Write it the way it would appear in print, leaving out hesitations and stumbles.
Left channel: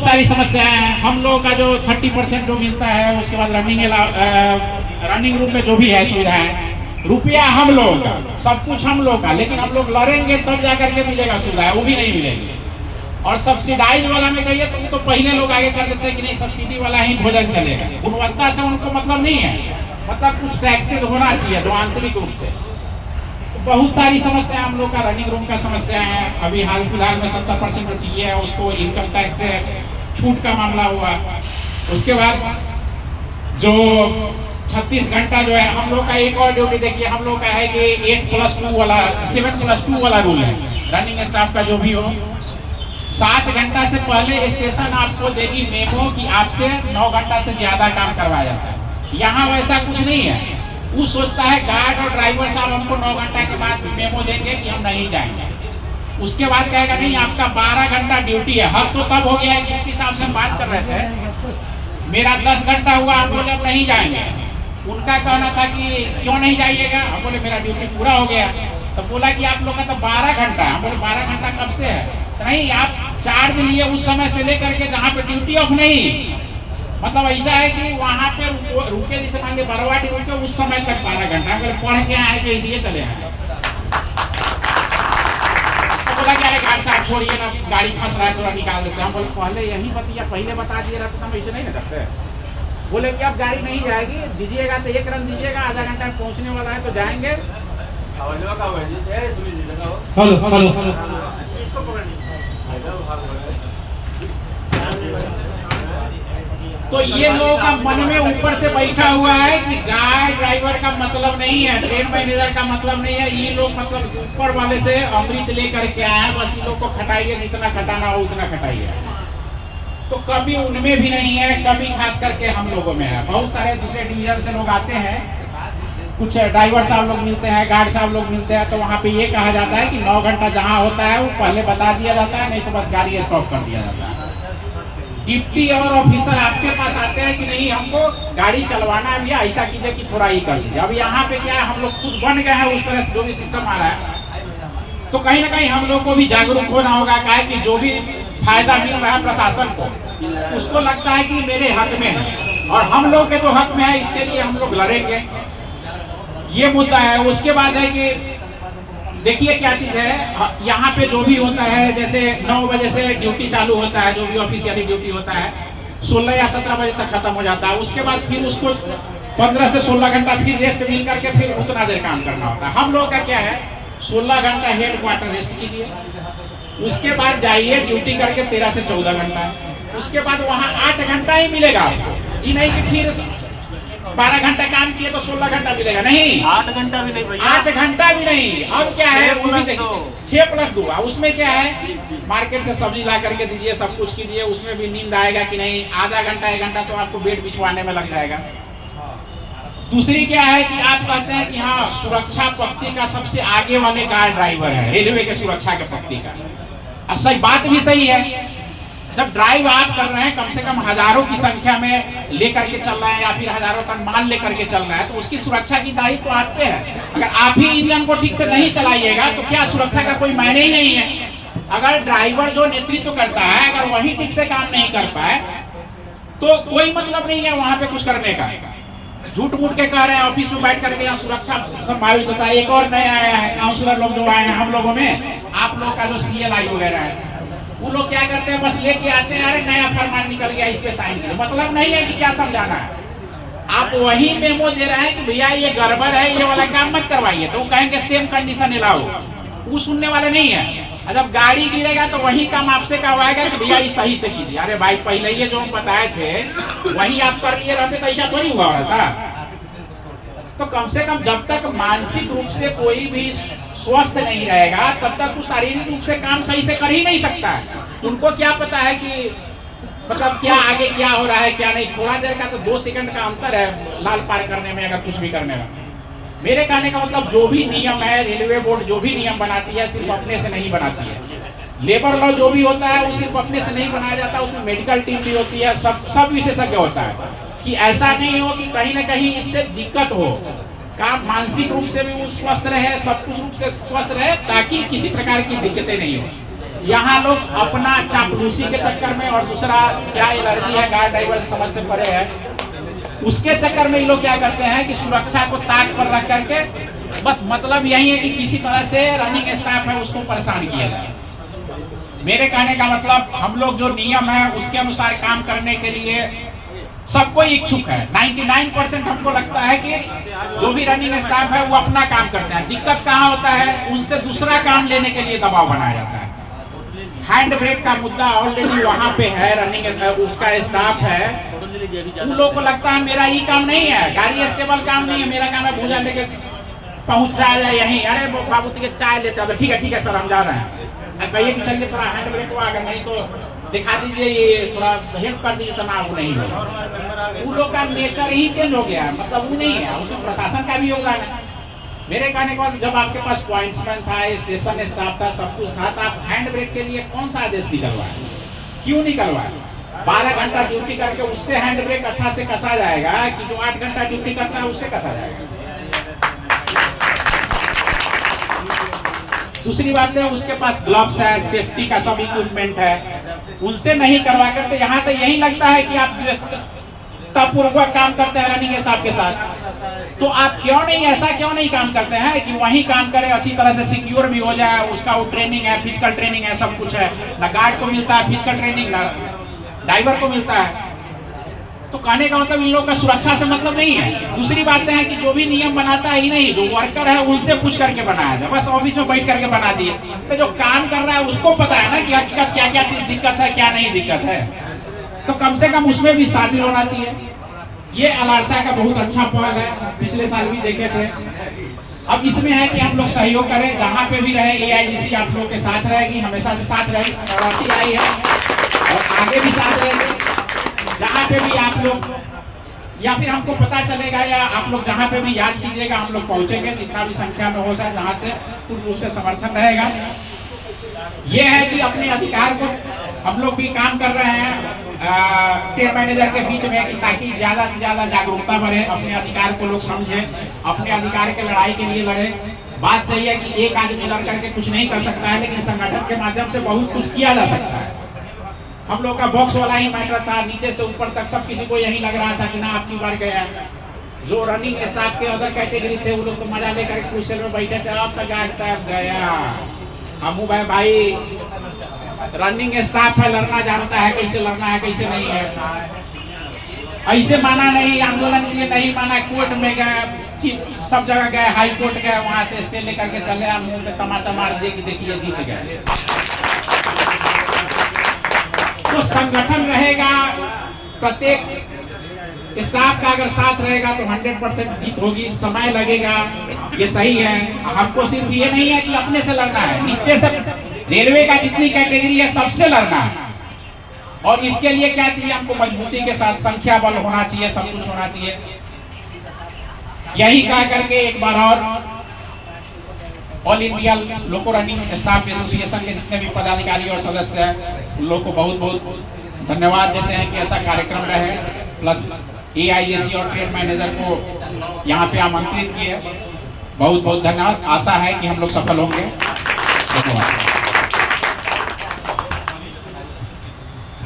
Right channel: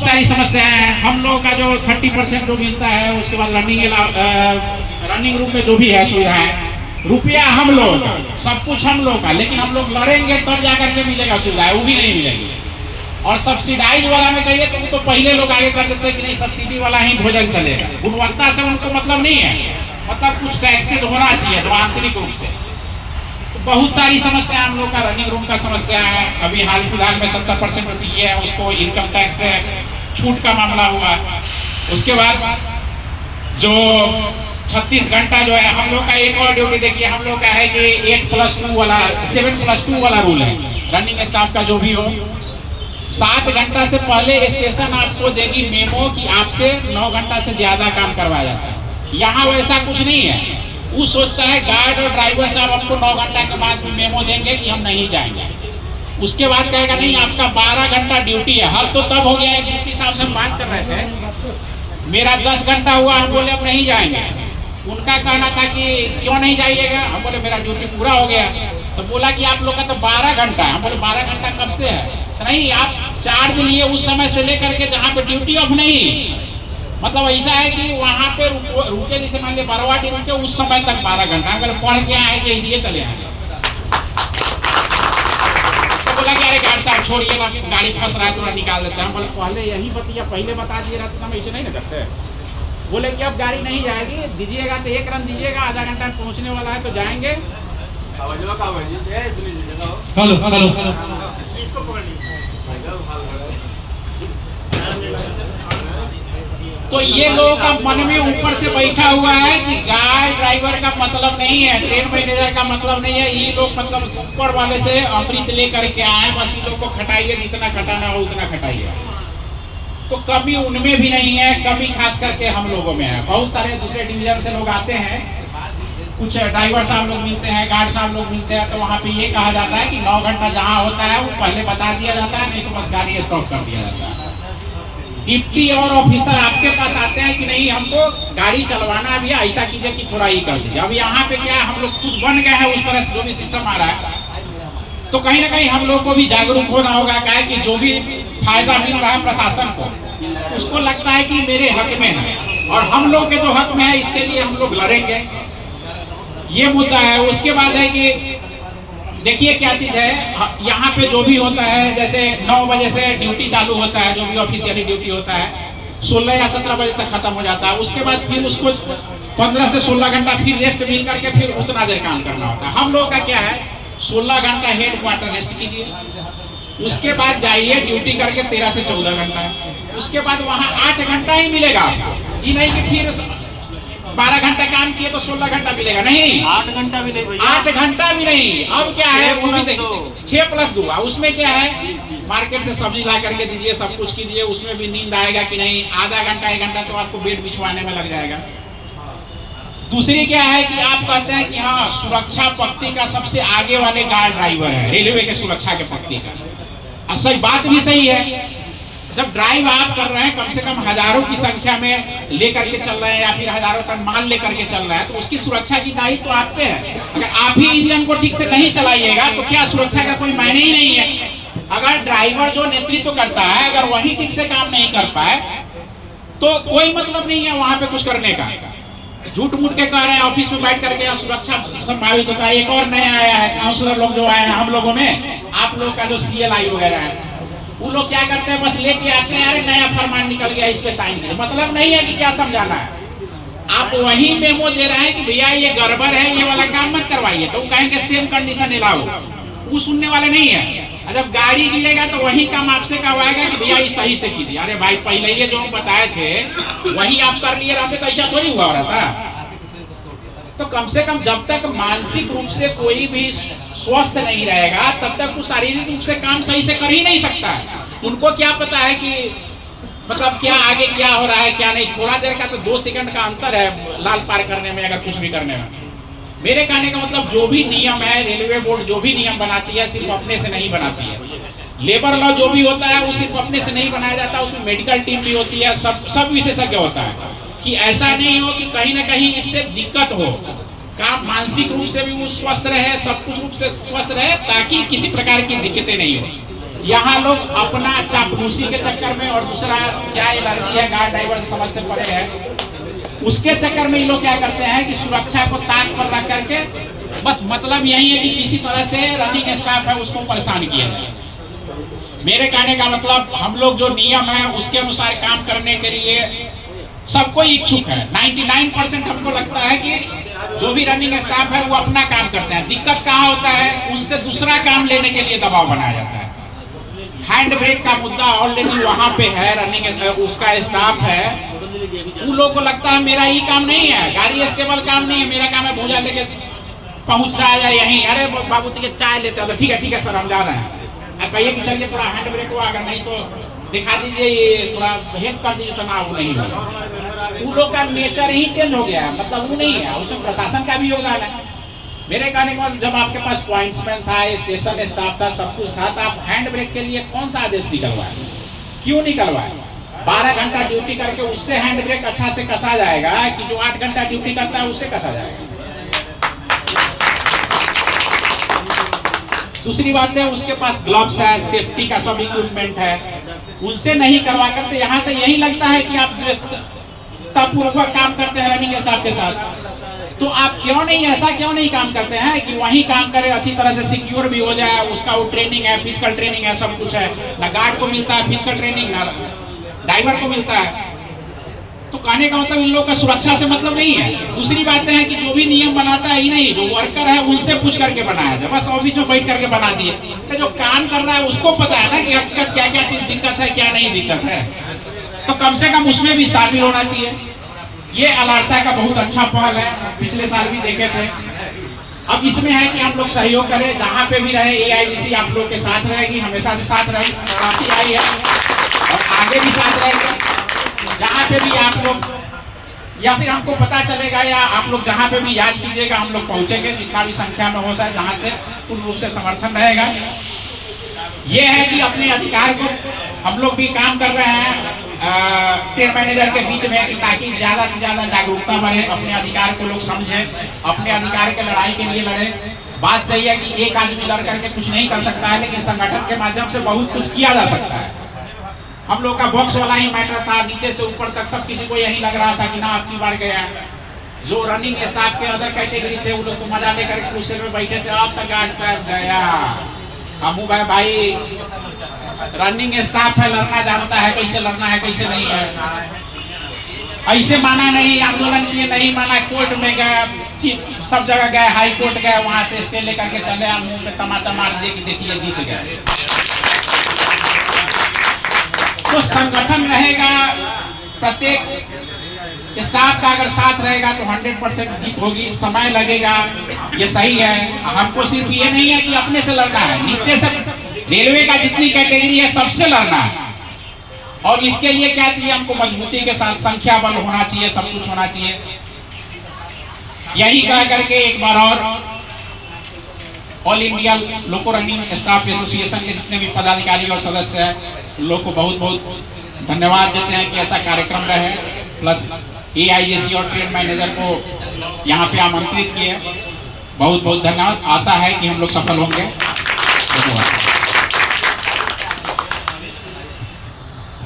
बहुत सारी समस्याएं हैं। हम लोगों का जो 30% जो मिलता है, उसके बाद रनिंग रूम में जो भी है सुविधाएं, रुपया हम लोगों का, सब कुछ हम लोग का, लेकिन हम लोग लड़ेंगे तब जाकर के मिलेगा सुविधा, वो भी नहीं मिलेगी। और सब्सिडाइज वाला में कहिए तो पहले लोग आगे कर देते हैं कि नहीं सब्सिडी वाला ही भोजन चलेगा, गुणवत्ता से उनको मतलब नहीं है, मतलब कुछ टैक्सेज होना चाहिए जो आंतरिक रूप से। तो बहुत सारी समस्या हम लोग का, रनिंग रूम का समस्या है। अभी हाल फिलहाल में 70% जो ये है उसको इनकम टैक्स से छूट का मामला हुआ। उसके बाद जो 36 घंटा जो है हम लोग का, एक और ड्यूटी देखिए हम लोग का है कि 8+2 वाला 7+2 वाला रूल है। रनिंग स्टाफ का जो भी हो, 7 घंटा से पहले स्टेशन आपको देगी मेमो कि आपसे 9 घंटा से ज्यादा काम करवाया जाता है। यहाँ वैसा कुछ नहीं है। वो सोचता है गार्ड और ड्राइवर साहब हमको 9 घंटा के बाद मेमो देंगे कि हम नहीं जाएंगे। उसके बाद कहेगा नहीं आपका 12 घंटा ड्यूटी है। हर तो तब हो गया है, ड्यूटी साहब से हम बात कर रहे थे, मेरा 10 घंटा हुआ, हम बोले अब नहीं जाएंगे। उनका कहना था कि क्यों नहीं जाइएगा, हम बोले मेरा ड्यूटी पूरा हो गया। तो बोला कि आप लोग का तो 12 घंटा है। हम बोले 12 घंटा कब से है? तो नहीं, आप चार्ज लिए उस समय से लेकर के जहाँ पे ड्यूटी ऑफ नहीं, मतलब ऐसा है कि वहाँ पे रुके, जैसे मान लिया बरवाटी रुके, उस समय तक 12 घंटा। अगर पढ़ के आए कि इसलिए चले आए। तो बोला कि अरे गार्ड साहब छोड़िए ना, गाड़ी फंस रहा है, थोड़ा निकाल देते हैं। हम बोले पहले यही बतिया पहले बता दिए रहते तो हम ऐसे नहीं ना करते। बोले कि अब गाड़ी नहीं जाएगी, दीजिएगा तो 1 रन दीजिएगा, आधा घंटा में पहुँचने वाला है तो जाएंगे। तो ये लोगों का मन में ऊपर से बैठा हुआ है कि गार्ड ड्राइवर का मतलब नहीं है, ट्रेन मैनेजर का मतलब नहीं है। ये लोग मतलब ऊपर वाले से अमृत लेकर के आए, बस इन लोग को खटाइए, जितना खटाना हो उतना खटाइए। तो कभी उनमें भी नहीं है, कभी खास करके हम लोगों में है। बहुत सारे दूसरे डिवीजन से लोग आते हैं, कुछ ड्राइवर साहब लोग मिलते हैं, गार्ड साहब लोग मिलते हैं, तो वहाँ पे ये कहा जाता है कि 9 घंटा जहाँ होता है वो पहले बता दिया जाता है, नहीं तो बस गाड़ी स्टॉप कर दिया जाता है। डिप्टी और ऑफिसर आपके पास आते हैं कि नहीं हमको गाड़ी चलवाना है भैया, ऐसा कीजिए कि थोड़ा ही कर दीजिए। अब यहाँ पे क्या है, हम लोग खुद बन गए हैं उस तरह से, जो भी सिस्टम आ रहा है। तो कहीं ना कहीं हम लोग को भी जागरूक होना होगा, क्या कि जो भी फायदा मिल रहा है प्रशासन को, उसको लगता है कि मेरे हक में है, और हम लोग के जो हक में है इसके लिए हम लोग लड़ेंगे, ये मुद्दा है। उसके बाद है कि देखिए क्या चीज है, यहाँ पे जो भी होता है, जैसे 9 बजे से ड्यूटी चालू होता है, जो भी ऑफिशियली ड्यूटी होता है 16 या 17 बजे तक खत्म हो जाता है। उसके बाद फिर उसको 15 से 16 घंटा फिर रेस्ट मिल करके फिर उतना देर काम करना होता है। हम लोग का क्या है, 16 घंटा हेड क्वार्टर रेस्ट कीजिए, उसके बाद जाइए ड्यूटी करके 13 से 14 घंटा, उसके बाद वहाँ 8 घंटा ही मिलेगा आपको। ये नहीं कि फिर 12 घंटा काम किए तो 16 घंटा मिलेगा, नहीं, 8 घंटा भी नहीं भैया, 8 घंटा भी नहीं। अब क्या है, 6+2, उसमें क्या है, मार्केट से सब्जी ला करके दीजिए, सब कुछ कीजिए, उसमें भी नींद आएगा कि नहीं, आधा घंटा 1 घंटा तो आपको बेड बिछवाने में लग जाएगा। दूसरी क्या है कि आप कहते हैं कि हाँ सुरक्षा पक्ति का सबसे आगे वाले गार्ड ड्राइवर है, रेलवे के सुरक्षा के पक्ति का। सही बात भी सही है, जब ड्राइव आप कर रहे हैं, कम से कम हजारों की संख्या में लेकर के चल रहे हैं या फिर हजारों टन माल लेकर के चल रहा है, तो उसकी सुरक्षा की दायित्व तो आप पे है। अगर आप ही इंजन को ठीक से नहीं चलाइएगा तो क्या सुरक्षा का कोई मायने ही नहीं है। अगर ड्राइवर जो नेतृत्व करता है, अगर वही ठीक से काम नहीं कर पाए तो कोई मतलब नहीं है वहां पे कुछ करने का। झूठ मूठ के कह रहे हैं ऑफिस में बैठ करके सुरक्षा संभावित होता है। एक और नया आया है, काउंसलर लोग जो आए हैं हम लोगों में, आप लोग का जो CLI वगैरह है, वो लोग क्या करते हैं, बस लेके आते हैं, अरे नया फरमान निकल गया, इस पे साइन करो। मतलब नहीं है कि क्या समझाना है, आप वही मेमो दे रहे हैं कि भैया ये गड़बड़ है, ये वाला काम मत करवाइए, तो वो कहेंगे सेम कंडीशन अलाउ, वो सुनने वाले नहीं है। जब गाड़ी गिरेगा तो वही काम आपसे करवाएगा कि भैया ये सही से कीजिए। अरे भाई पहले ये जो हम बताए थे वही आप कर लिए रहते तो ऐसा थोड़ी हुआ रहता। तो कम से कम जब तक मानसिक रूप से कोई भी स्वस्थ नहीं रहेगा तब तक वो शारीरिक रूप से काम सही से कर ही नहीं सकता है। उनको क्या पता है कि मतलब क्या आगे क्या हो रहा है क्या नहीं। थोड़ा देर का तो 2 सेकंड का अंतर है लाल पार करने में, अगर कुछ भी करने में। मेरे कहने का मतलब जो भी नियम है, रेलवे बोर्ड जो भी नियम बनाती है सिर्फ अपने से नहीं बनाती है। लेबर लॉ जो भी होता है वो सिर्फ अपने से नहीं बनाया जाता, उसमें मेडिकल टीम भी होती है, सब विशेषज्ञ होता है कि ऐसा नहीं हो कि कहीं ना कहीं इससे दिक्कत हो। काम मानसिक रूप से भी वो स्वस्थ रहे, सब कुछ रूप से स्वस्थ रहे, ताकि किसी प्रकार की दिक्कतें नहीं हो। यहाँ लोग अपना चापलूसी के चक्कर में और दूसरा क्या एलर्जी है गार्ड ड्राइवर समझ से परे है, उसके चक्कर में ये लोग क्या करते हैं कि सुरक्षा को ताक पर रख करके बस मतलब यही है कि किसी तरह से रनिंग स्टाफ है उसको परेशान किया जाए। मेरे कहने का मतलब हम लोग जो नियम है उसके अनुसार काम करने के लिए सब कोई इच्छुक है। 99% हमको लगता है कि जो भी रनिंग स्टाफ है वो अपना काम करते हैं। दिक्कत कहाँ होता है, उनसे दूसरा काम लेने के लिए दबाव बनाया जाता है। हैंड ब्रेक का मुद्दा ऑलरेडी वहाँ पे है, रनिंग उसका स्टाफ है, उन लोगों को लगता है मेरा ये काम नहीं है, गाड़ी स्टेबल काम नहीं है, मेरा काम है भूजा लेके पहुँच जाए यहीं, अरे बाबू तुझे चाय लेते हैं, ठीक है सर हम जा रहे हैं, अब कहिए कि चलिए थोड़ा हैंड ब्रेक हुआ, अगर नहीं तो दिखा दीजिए, ये थोड़ा हेल्प कर दीजिए, तनाव नहीं होगा। उन लोग का नेचर ही चेंज हो गया, मतलब वो नहीं है, उसमें प्रशासन का भी योगदान है। मेरे कहने का जब आपके पास पॉइंट्समैन था, स्टेशन स्टाफ था, सब कुछ था, तो आप हैंड ब्रेक के लिए कौन सा आदेश निकलवाए, क्यों निकलवाए? 12 घंटा ड्यूटी करके उससे हैंड ब्रेक अच्छा से कसा जाएगा कि जो 8 घंटा ड्यूटी करता है उससे कसा जाएगा। दूसरी बात है उसके पास ग्लव्स है, सेफ्टी का सब इक्विपमेंट है, उनसे नहीं करवा करते। यहाँ तो यही लगता है कि आप पूर्वक काम करते हैं रनिंग स्टाफ के साथ, तो आप ऐसा क्यों नहीं काम करते हैं कि वही काम करे, अच्छी तरह से सिक्योर भी हो जाए, उसका वो ट्रेनिंग है, फिजिकल ट्रेनिंग है, सब कुछ है, ना गार्ड को मिलता है फिजिकल ट्रेनिंग, ना ड्राइवर को मिलता है। तो कहने का मतलब इन लोगों का सुरक्षा से मतलब नहीं है। दूसरी बात है कि जो भी नियम बनाता है ही नहीं, जो वर्कर है उनसे पूछ करके बनाया जाए, बस ऑफिस में बैठ करके बना दिए, तो जो काम कर रहा है उसको पता है ना कि हकीकत क्या क्या चीज दिक्कत है, क्या नहीं दिक्कत है, तो कम से कम उसमें भी शामिल होना चाहिए। ये अलारसा का बहुत अच्छा पहल है, पिछले साल भी देखे थे। अब इसमें है कि हम लोग सहयोग करें, जहाँ पे भी रहे AIGC आप लोग के साथ रहेगी, हमेशा से साथ रहेगी, आई है और आगे भी साथ रहेगी। जहाँ पे भी आप लोग या फिर हमको पता चलेगा या आप लोग जहाँ पे भी याद कीजिएगा, हम लोग पहुँचेंगे, जितना भी संख्या में हो जाए, जहाँ से पूर्ण रूप से समर्थन रहेगा। ये है कि अपने अधिकार को हम लोग भी काम कर रहे हैं ट्रेन मैनेजर के बीच में, कि ताकि ज्यादा से ज्यादा जागरूकता बढ़े, अपने अधिकार को लोग समझे, अपने अधिकार के लड़ाई के लिए लड़े। बात सही है कि एक आदमी लड़ करके कुछ नहीं कर सकता है, लेकिन संगठन के माध्यम से बहुत कुछ किया जा सकता है। हम लोग का बॉक्स वाला ही मैटर था, नीचे से ऊपर तक सब किसी को यही लग रहा था कि ना आपकी बार गया। जो रनिंग स्टाफ के अदर कैटेगरी थे वो लोग तो मजा लेकर क्रूसेल में बैठे थे, आपका गार्ड साहब गया। हमू भाई रनिंग स्टाफ है, लड़ना जानता है, कैसे लड़ना है कैसे नहीं है। ऐसे माना नहीं, आंदोलन के लिए नहीं माना, कोर्ट में गए, सब जगह गए, हाई कोर्ट गए, वहां से स्टे लेकर के चले, मुंह में तमाचा मार दिए कि देखिए जीत गए। तो संगठन रहेगा, प्रत्येक स्टाफ का अगर साथ रहेगा तो 100% जीत होगी। समय लगेगा, ये सही है। हमको सिर्फ ये नहीं है कि अपने से लड़ना है, नीचे से रेलवे का जितनी कैटेगरी है सबसे लड़ना है। और इसके लिए क्या चाहिए, हमको मजबूती के साथ संख्या बल होना चाहिए, सब कुछ होना चाहिए। यही कह करके एक बार और ऑल इंडिया लोको रनिंग स्टाफ एसोसिएशन के जितने भी पदाधिकारी और सदस्य हैं उन लोग को बहुत बहुत धन्यवाद देते हैं कि ऐसा कार्यक्रम रहे, प्लस AIGC और ट्रेन मैनेजर को यहाँ पे आमंत्रित किए। बहुत बहुत धन्यवाद। आशा है कि हम लोग सफल होंगे। धन्यवाद।